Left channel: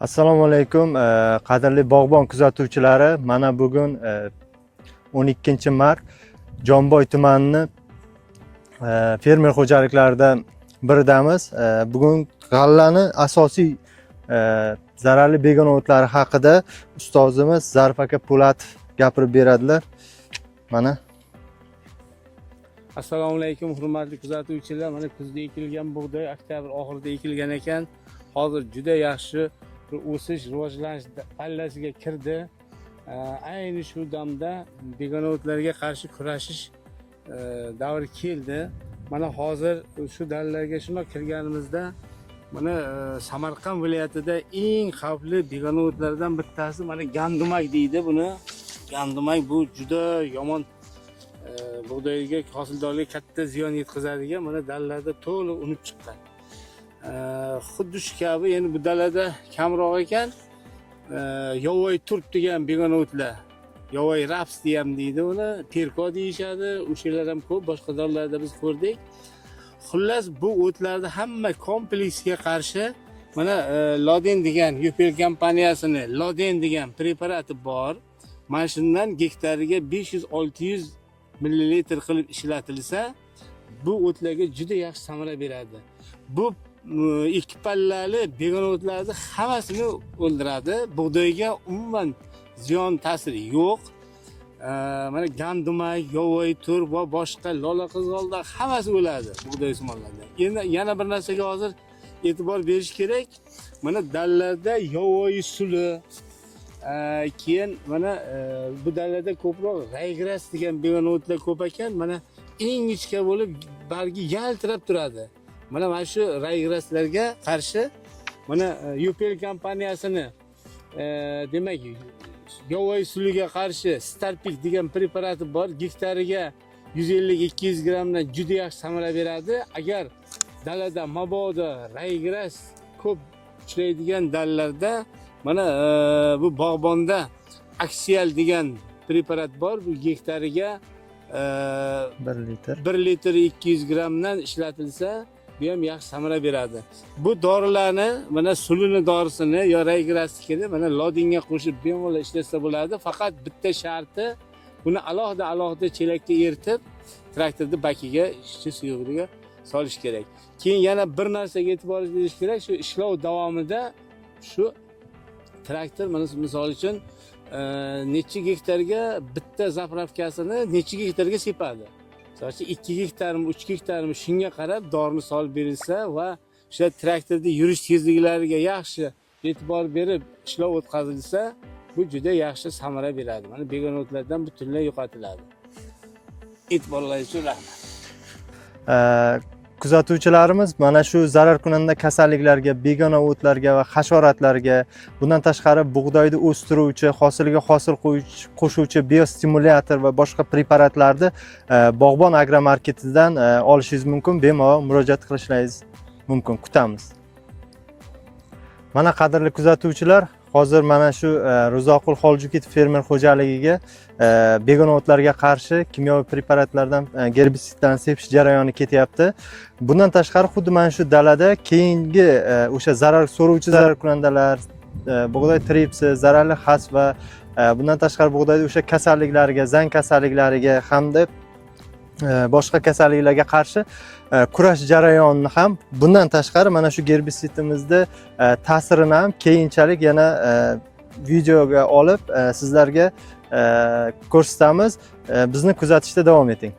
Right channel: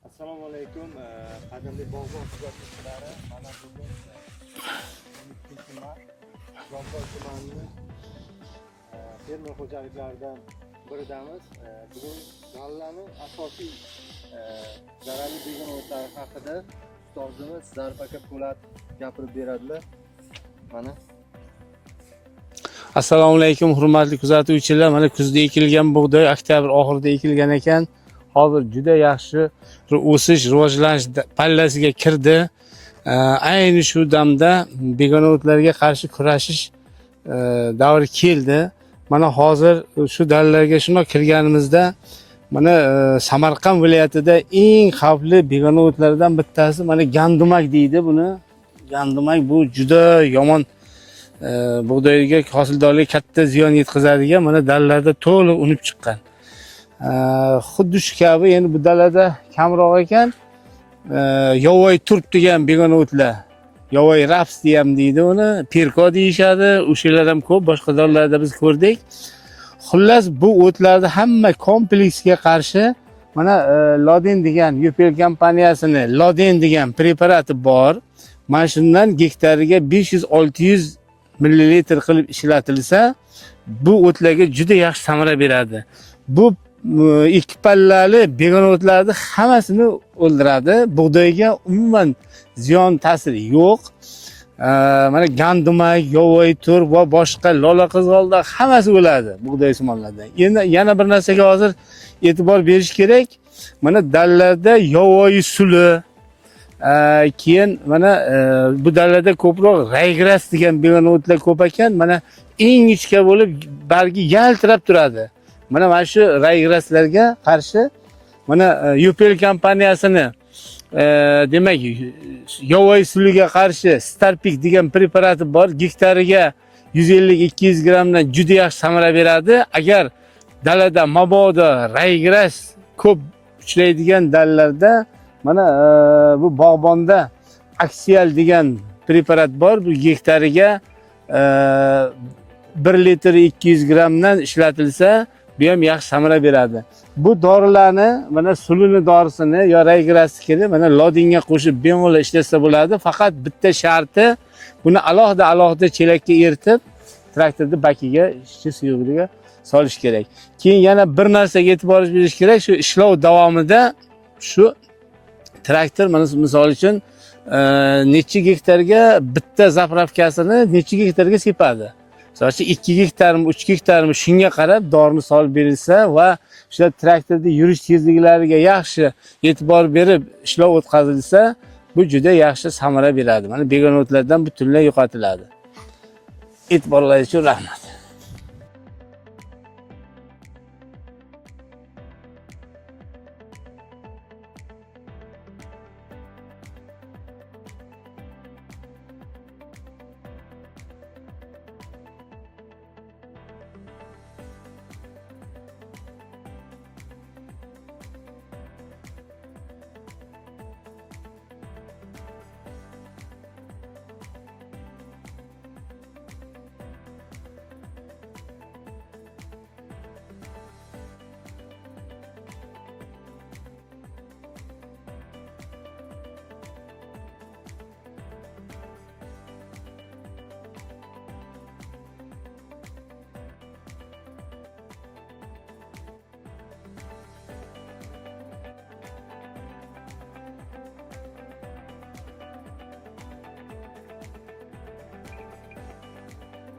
Assalomu alaykum, qadrli bog'bon kuzatuvchilari. Mana bugun 12-mart Jomboy tumanining fermer xo'jaliklaridan biridamiz. Bugun g'allani asosiy zararli begona o'tlari haqida ustozimiz Zarif aka Po'latov gapirib beradilar. Mana. Assalomu alaykum, hurmatli kuzatuvchilar. Mana kuzda ekilgan bug'doy oktyabr oxirida ekilgan ekan. Hozir juda yaxshi o'sish, rivojlanish pallasiga kirdi. Ayni shu damda begona o'tlarga qarshi kurashish davri keldi. Mana hozir shu dallarga shunday kirganimizda mana Samarqand viloyatida eng xavfli begona o'tlardan bittasi mana gandumak deydi buni. Gandumak bu juda yomon bug'doyga, hosildorlikka katta ziyon yetkazadigan mana dallarda to'liq unib chiqqan. Xuddi shu kabi endi bu dalada kamroq ekan. Yovvoyi turp degan begona o'tlar. Yovvoyi raps ham deydi uni, perko deyishadi. O'shalar ham ko'p, boshqa dallarda biz ko'rdik. Xullas bu o'tlarda hamma kompleksga qarshi mana Loden degan UPL kompaniyasini Loden degan preparati bor. Mana shundan gektariga 500-600 millilitr qilib ishlatilsa, bu o'tlarga juda yaxshi samara beradi. Bu ikki pallali begona o'tlarni hammasini o'ldiradi. Bug'doyga umuman ziyon ta'siri yo'q. Mana gandumak, yovvoyi turp va boshqa lola qizg'olda hammasi o'ladi bug'doy simonlardan. Endi yana bir narsaga hozir e'tibor berish kerak. Mana dallarda yovvoyi suli, keyin mana bu dallarda ko'proq raygras degan begona o'tlar ko'p ekan. Mana eng ichka bo'lib bargi yaltirab turadi. Mana shu raygraslarga qarshi mana UPL kompaniyasini demak yovvoyi suliga qarshi Starpik degan preparati bor. Gektariga 150-200 grammdan juda yaxshi samara beradi. Agar dalada mabodo raygras ko'p uchraydigan dallarda mana bu bog'bonda Axial degan preparat bor. Bu gektariga 1 litr 200 grammdan ishlatilsa bu ham yaxshi samara beradi. Bu dorilarni mana sulini dorisini yo raygrasni kelib mana Lodenga qo'shib bemalol ishlasa bo'ladi. Faqat bitta sharti buni alohida chelakka eritib traktorda bakiga ishchi suyuqligiga solish kerak. Keyin yana bir narsaga e'tibor berish kerak. Shu ishlov davomida shu traktor mana misol uchun necha gektarga bitta zapravkasini necha gektarga sepadi. Masalan 2 gektarmi, 3 gektarmi shunga qarab dorini solib berilsa va o'sha traktorda yurish tezliklariga yaxshi e'tibor berib ishlov o'tkazilsa, bu juda yaxshi samara beradi. Mana begona o'tlardan butunlay yo'qotiladi. E'tiborlaringiz uchun rahmat. Kuzatuvchilarimiz mana shu zarar kunanda kasalliklarga, begona o'tlarga va hasharotlarga, bundan tashqari bug'doyni o'stiruvchi, hosiliga hosil qo'shuvchi biostimulyator va boshqa preparatlarni Bog'bon agromarketidan olishingiz mumkin. Bemalol murojaat qilishingiz mumkin. Kutamiz. Mana qadrli kuzatuvchilar, hozir mana shu Ro'zoqul Xoljukitov fermer xo'jaligiga begona o'tlarga qarshi kimyoviy preparatlardan, gerbisidlardan sepish jarayoni ketyapti. Bundan tashqari xuddi mana shu dalada keyingi o'sha zarar so'rovchi zararkunandalar, bug'doy tripsi, zararli xas va bundan tashqari bug'doyda o'sha kasalliklarga, zang kasalliklariga hamda boshqa kasalliklarga qarshi kurash jarayonini ham bundan tashqari mana shu gerbisidimizda ta'sirini ham keyinchalik yana videoga olib sizlarga ko'rsatamiz. Bizni kuzatishda davom eting.